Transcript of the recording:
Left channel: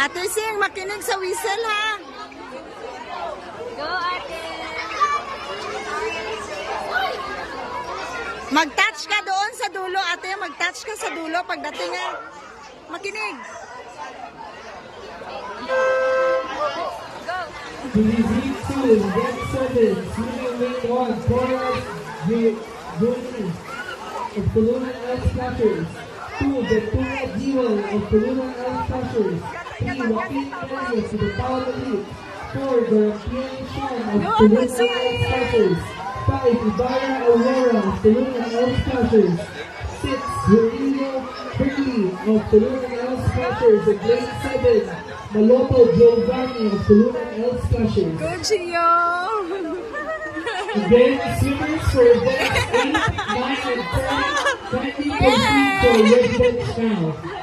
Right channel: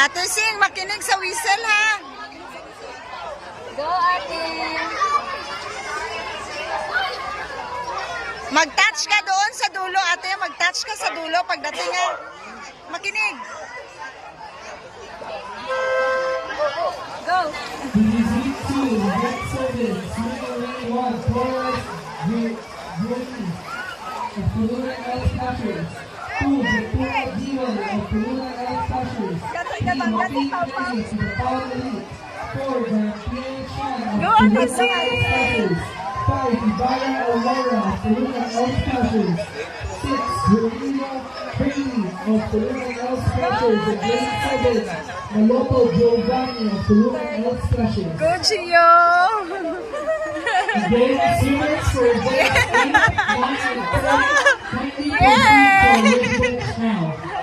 Ate Sing, makinig sa whistle ha. Go, ate. Mag-touch ka doon sa dulo, ate. Mag-touch ka sa dulo pagdating ha. Makinig. Go. Division 2, Red 7, Senior Wing 1, Torres Juni of Tuluna L Slashers. 2, Ventura Diwan of Tuluna L Slashers. 3, Joaquin Reyes to the Power Elite. 4, Dorothean Sean of Go, Tuluna Ate Sing! L Slashers. 5, Ibarra Aurora of Tuluna L Slashers. 6, Rodrigo Bailey of Tuluna L Slashers. And Grade 7, Maloto Giovanni of Tuluna L Slashers. Go, Gio. Again, swimmers for events 8, 9, and 10, kindly proceed to our red boats now.